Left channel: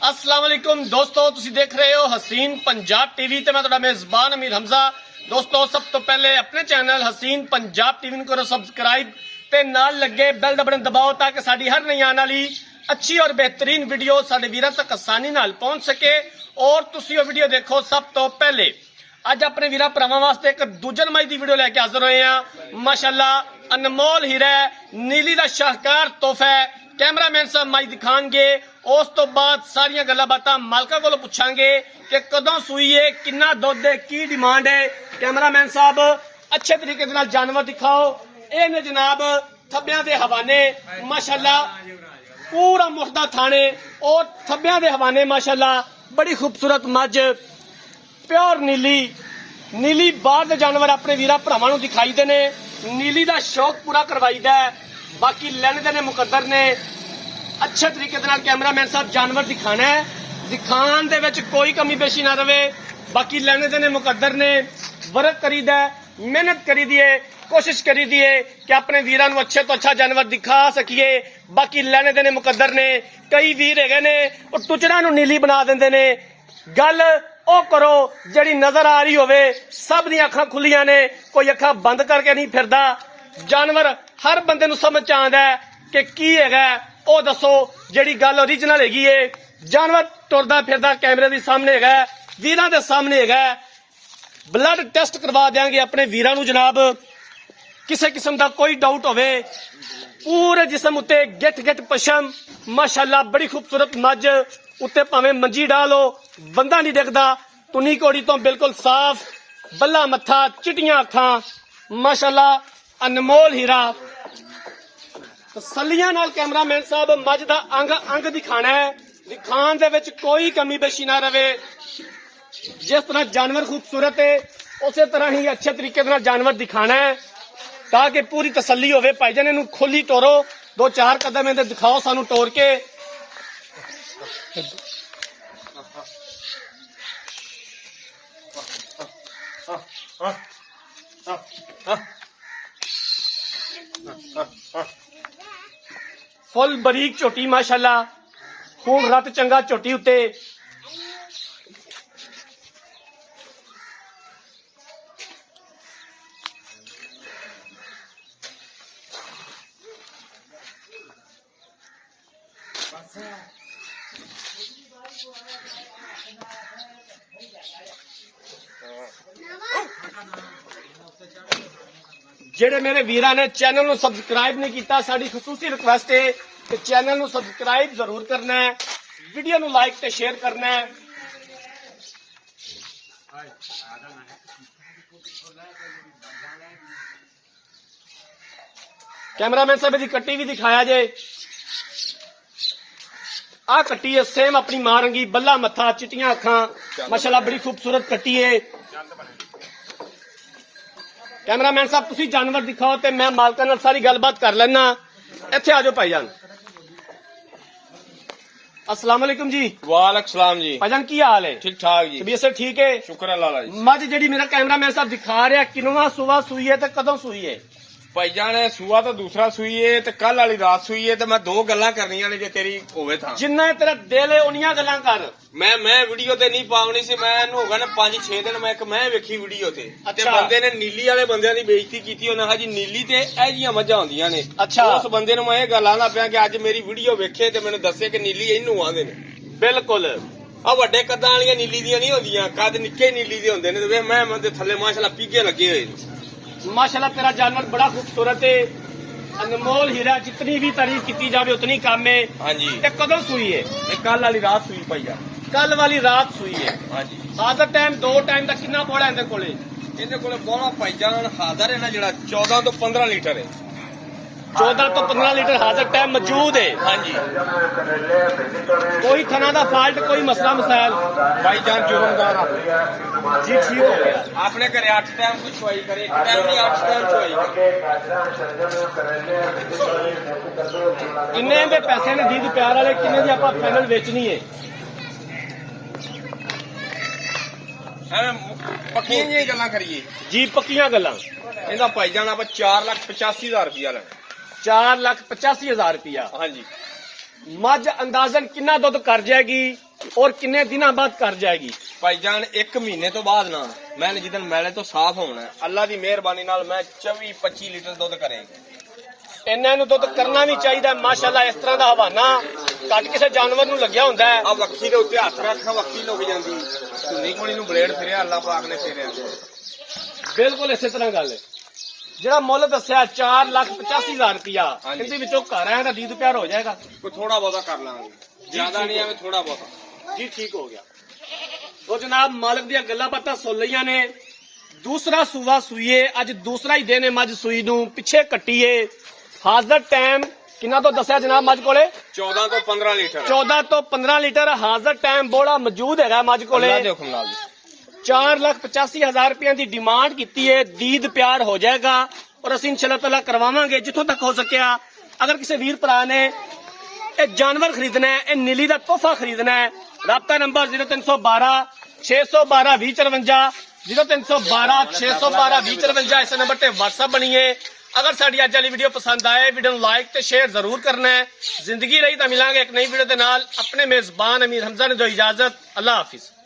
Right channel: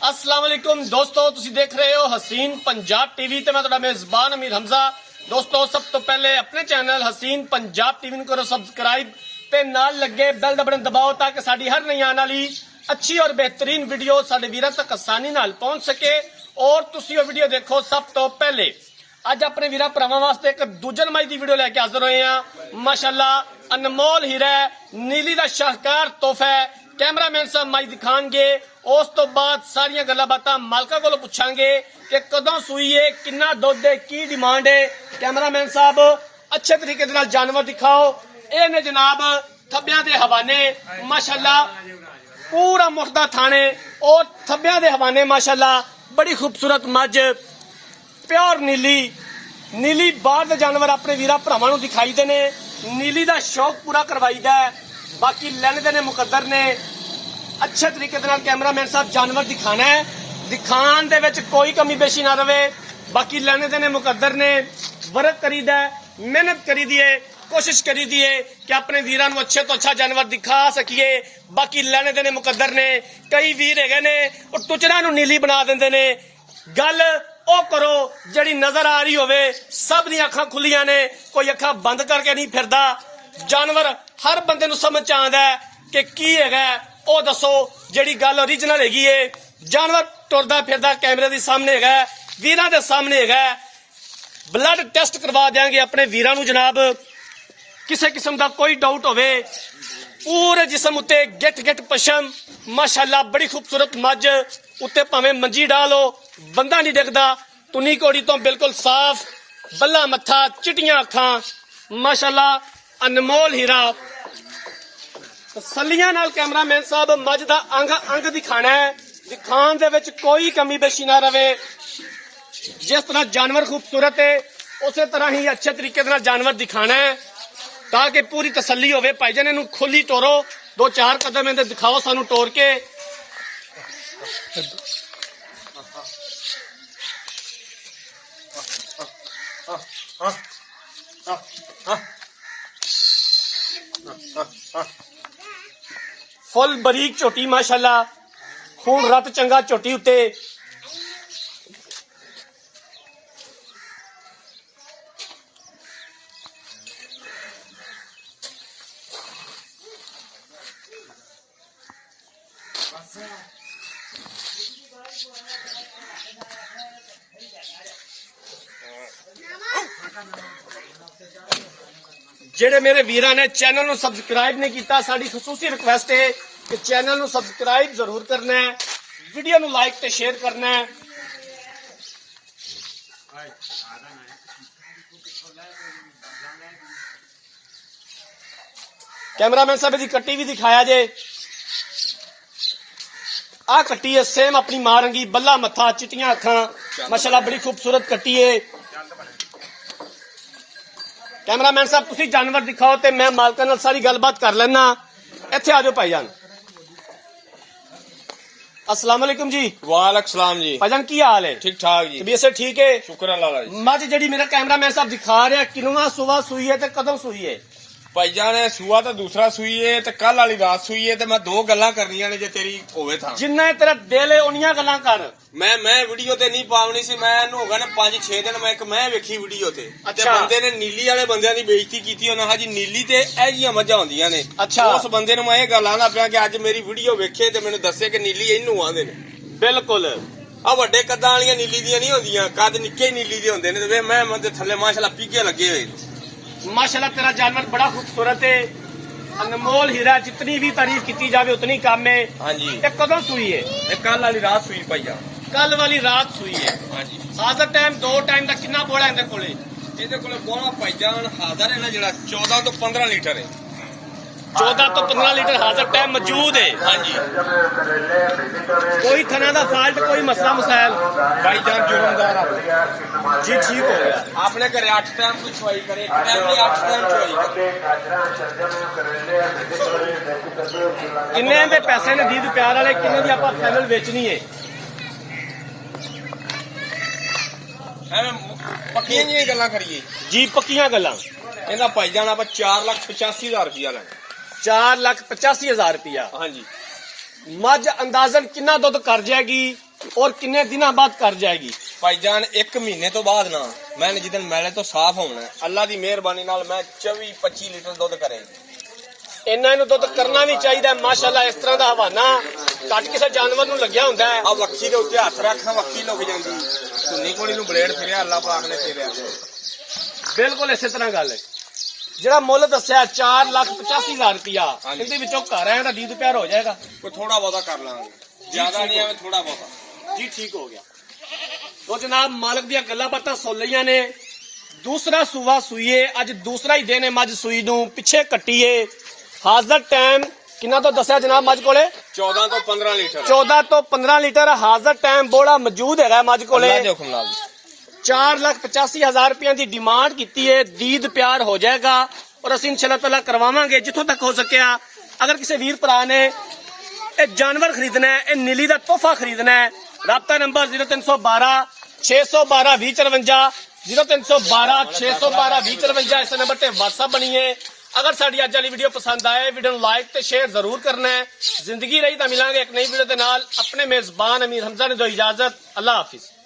अस्सलाम वालेकुम दोस्तों, तुसी देख रहे हो हसीन पंजाब टीवी ते मैं तुहाडा मेजबान अमीर हमजा। दोस्तों, सब तो पहले अपने चैनल हसीन पंजाब टीवी करो सब्सक्राइब ते नाल लगे बेल दा बटन दबाओ ताकि साडी हर नई आने वाली अच्छी और बेहतरीन वीडियो साडे वीरां तक आसानी नाल पहुंच सके और तुसी वो वीडियो देखो सब तो पहले। अज अपने वीरां भरावां वास्ते एक दूजे नंबर दी वीडियो लेके हाजिर होए हैं। माशाअल्लाह अनमोल हीरा नीली दा शाहकार तोहफा कैमरामैन साहब माई दिखाएंगे। उस तो बाद सारिया गल्लां बातां मालका कोलों पुछांगे कि कदों सूई है, कितना दुध है, की डिमांड है। कैमरामैन साहब अच्छे तरीके दे नाल जानवर दिखाओ। ये ने जनाब थब्बियां दे हवाने माशाअल्लाह पूरा मुर्दा थाने और थब्बियां दे हवाने माशाअल्लाह बड़ी खूबसूरत मझ प्योर नीली बाहर दे जानवर अपने वीरा भरावां नूं दिखाईदे ने। नीली दा शौक पूरा करवाईदा है। बाकी लैने देने मुकद्दर ने अच्छे तरीके दे नाल कैमरामैन साहब जानवर दिखाना है, दिखाण दे विच कोई कमी पेशी ना रवे। बाकी लैने देने मुकद्दर ने वर्क करीदा है, मेहनत करी दी है, कोशिश करी दी है कि अपने वीरां नूं अच्छे तो अच्छा जानवर दिखा सकीए। बाकी लैने देने मुकद्दर ने। कई वीर हैगे ने और टुचड़ा नूं नीली बना दिंदे ने। गल ओ करो जिहड़ी नजर आ रही होवे। सब दी अखां खुलियां ने, कोई अखां बंद करके नहीं फिरदा। जानवर हर बंदे नूं समझ च आंदा है कि की हैगा ओ दसो। जिहड़ी गल ओरिजिनल हैगी है, जानवर टुरदा फिरदा कैमरे दे सामने हैगा, वीरां दे सामने हैगा। ब्लड टेस्ट करवा देंगे अपने वीरां नूं जनाब। किसी किस्म का कोई डाउट होवे पूरे जिसम उत्ते गिट पशम माशाअल्लाह बड़ी खूबसूरत मझ उत्ते भावें मंजी डालो बंदा नहीं दिखदा। तुनी कोड़ी तो बिल्कुल साफ, बल्ला मत्था, चिटियां अखां माशाअल्लाह अनमोल हीरा। तसल्लियां नाल कैमरामैन साहब मझ दा अंग दिखाना है, दिखाण दे विच कोई कमी पेशी ना रवे। जिस तरह जानवर खूबसूरत है उस तरह ही अच्छे तरीके नाल जानवर दिखाना है ताकि पूरी तसल्ली होवे। भाईजान इहनूं खोली टोरो, 2-4 कदम इहदे दिखाओ सानू टोर के। फुल बरीक झोटी माशाअल्लाह, खून रत चंगा झोटी उत्ते। जेडे मेरे वीरां ने चैनल नूं सबसक्राइब नहीं किया, साडी खसूसी रिक्वेस्ट है कि चैनल नूं सबसक्राइब जरूर करना है, वीडियो नूं लाइक ते शेयर करना है। कैमरामैन साहब दी कट्टी भी दिखाया जे। आ कट्टी है सेम अपनी मां रंगी, बल्ला मत्था, चिटियां अखां माशाअल्लाह बड़ी खूबसूरत कट्टी है। कैमरामैन साहब तुसी जानवर दिखाओ ते मैं मालका नाल सारी गलबात कर लेना। इत्थे आ जाओ भाईजान। अस्सलाम वालेकुम जी। वालेकुम सलाम जी। भाईजान की हाल है? ठीक ठाक जी, तबीयत से ठीक है? शुक्र अल्लाह जी। मझ जेडी मेरा कैमरामैन साहब दिखा रहा किनवा सुबह सुई है ते कदों सुई है? भाईजान सुआ तो दूसरा सुई है ते कल वाली रात सुई है ते मैं दो गल्लां करनियां ने जे तेरी होवे था। जिन्ना तेरा दिल है उन्नियां गल्लां कर। मैं वीडियो ते नहीं पावनी सी। मैं हो गया ना 5-6 दिन मैं एक मैं वेखी वीडियो ते अच्छा। बंदे ने नीली वाले बंदे दी बेइज्जती कीती। उन्हें हाजी नीली ते ए जियां मझां होंदियां ने। अच्छा। उस बंदे ने मैं ये गल आंदा पिया कि अज मेरी वीडियो वेखे ते मैनूं दस्से कि नीली इनू आंदे ने। बिल्कुल आ वड्डे कद्दां वालियां नीली दियां नहीं होंदियां, कद निक्के नीली दे होंदे ने। मैं मंदे थल्ले माशाअल्लाह पीके लगे होए। माशाअल्लाह तेरा जानवर बड़ा खूबसूरत है, अनमोल हीरा। जितनी भी तारीफ की जाए उतनी कम है। हाँ जी। ते कदों सुई है? कल वाली रात सुई भैया। कल वाली रात सुई है। हाँ जी। हाजर टाइम 2 टाइम का कितना बोला इहदे कोले? ਇਹਦੇ ਕੋਲ ਬੋਲਾ ਭਾਈਜਾਨ ਹਾਜ਼ਰ ਹੈ ਨਾ ਜਿਹੜਾ 14 ਤੋਂ 15 ਲੀਟਰ ਹੈ। 14 तो 15 लीटर हाजर टाइम मौजूद है। हाँ जी। कोई थना का फाल्ट, कोई मसला मसाइल? भाईजान जुर्म का जी ठीक हो गया। आपने करे 8 टाइम की छुआई करे, एक टाइम में 8 टाइम छुआई। किन्ने दे पैसे ने दीद प्यार वाले, किन्ने दी आपां फाइनल बेचनी है? पक्कियां जी गल्लां करिए जी, पक्कियां गल्लां। ਇਹਦਾ ਭਾਈਜਾਨ ਆਪਾਂ 4,85,000 रुपया लगा। 4,85,000 रुपया। हाँ जी। मझ अंदाजन कितना दुध कर जाएगी और कितने दिनों बाद कर जाएगी? ਭਾਈਜਾਨ 1 ਮਹੀਨੇ ਤੋਂ ਬਾਅਦ ਨਾ ਮੈਂ ਜਿੱਦਨ ਮੈਲੇ ਤੋਂ ਸਾਫ਼ ਹੋਣਾ ਹੈ, ਅੱਲਾ ਦੀ ਮਿਹਰਬਾਨੀ ਨਾਲ ਮੈਂ 24-25 ਲੀਟਰ ਦੁੱਧ ਕਰੇਗਾ। ਇਹਨਾਂ ਨੂੰ ਦੁੱਧ ਕਰਨਾ ਵੀ ਚਾਹੀਦਾ ਮਾਸ਼ਾਅੱਲਾ। ਇਸ ਤਰ੍ਹਾਂ ਦਾ ਹਵਾਨਾ ਘੱਟ ਕਿਸੇ ਜਾਨਵਰ ਨੂੰ ਲੱਗਿਆ ਹੁੰਦਾ ਹੈ। ਆ ਵੱਖੀ ਦੇ ਉੱਤੇ ਹੱਥ ਰੱਖਾਂ ਵੱਖੀ ਲੁਕ ਜਾਂਦੀ, ਧੁੰਨੀ ਕੋਲੀ ਨੂੰ ਬਲੇਡ ਫਿਰਿਆ ਅੱਲਾ ਪਾਕ ਨੇ ਫੇਰਿਆ। ਬਿਲਕੁਲ ਇਸੇ ਤਰ੍ਹਾਂ ਗੱਲ ਹੈ। ਜਿਹੜਾ ਮੁੱਲ ਦੱਸਿਆ 4,85,000 ਰੁਪਇਆ, ਇਹਦੇ ਵਿੱਚੋਂ ਘਰ ਆਇਆ ਤਾਂ ਡੀਦ ਪਿਆਰ ਹੋ ਜਾਏਗਾ। ਕੋਈ ਥੋੜਾ ਬਹੁਤਾ ਕਰ ਲਾਂਗੇ, ਜ਼ਿਆਦਾ ਨਹੀਂ ਆਵੇ, ਥੋੜਾ ਬਹੁਤਾ ਜੀ ਠੀਕ ਹੋ ਗਿਆ। तो जनाब मालिक दियां गल्लां बातां सुन लईयां ने। दूसरा सूआ सूईए, अज दूसरा ही दिन है मज सूई नूं, पिछे कट्टीए। हाजर टाइम किन्ना तो दस्या जनाब मज कोले? 14 ਤੋਂ 15 ਲੀਟਰ। 14 ਤੋਂ 15 लीटर हाजर टाइम बोला मौजूद है मज कोले। 4,85,000 रुपया की डिमांड की है। दीद प्यार हो जाएगा और असीं इंशाअल्लाह ताला करवावांगे जिथों तक हो सकिया। अगर किसी वीर भरा ने ये जानवर खरीदना है, ये नीली का तोहफा खरीदना है, राब्ता नंबर 0312 612 2054 0312 612 2054 इस नंबर ते व्हाट्सएप बनिए। अगर साडी अज वाली वीडियो पसंद आए, वीडियो नूं लाइक ते शेयर जरूर करना है। जिंदगी रही तो मिलांगे एक नई वीडियो के नाल। अपने मेजबान अमीर हमजा ने दो इजाजत। अल्लाह हाफिज।